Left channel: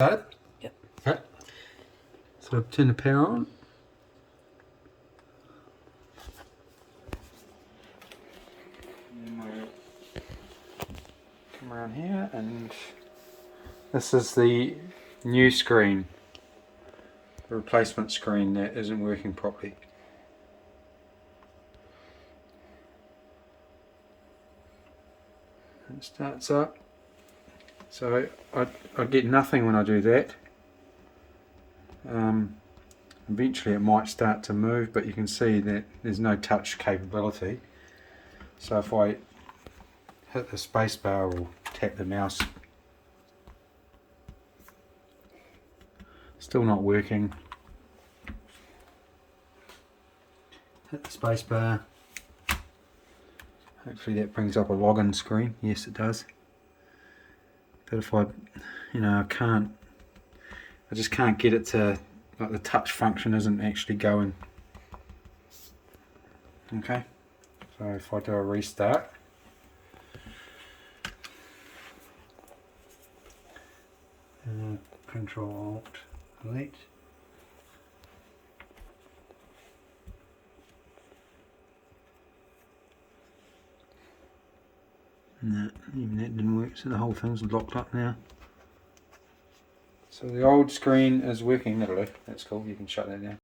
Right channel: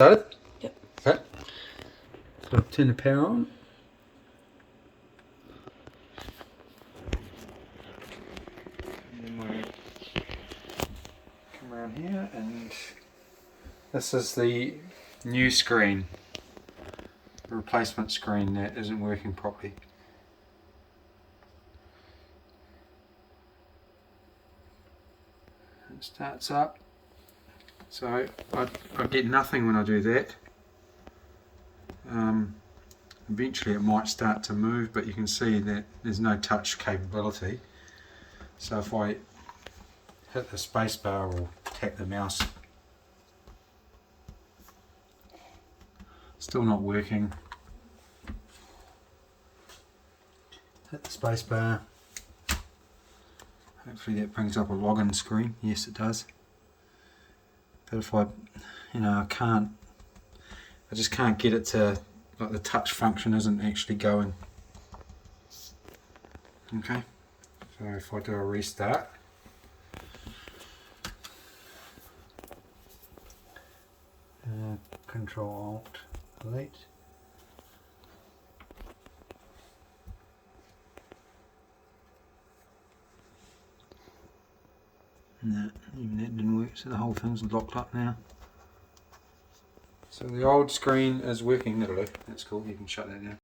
Started? Yep. Okay. So I'll turn the power on. And we'll come around here, and this is the new screen. The replacement screen that isn't working properly. It starts up. So I get nothing when I do that. Eventually it might start to move, but you can see that there's no touch capability. So if I hit the space bar or tap the mouse, still not working. Hit the space bar. Hopefully that brings up a login screen. Yes, it does. But if I just can't get it to, like, the touch function isn't actually going. Okay, so if I do a restart, Control Alt Delete. No, even that didn't work, so the whole thing's locked up now. So the old screen is working. That'll do. That's cool. You can shut that down.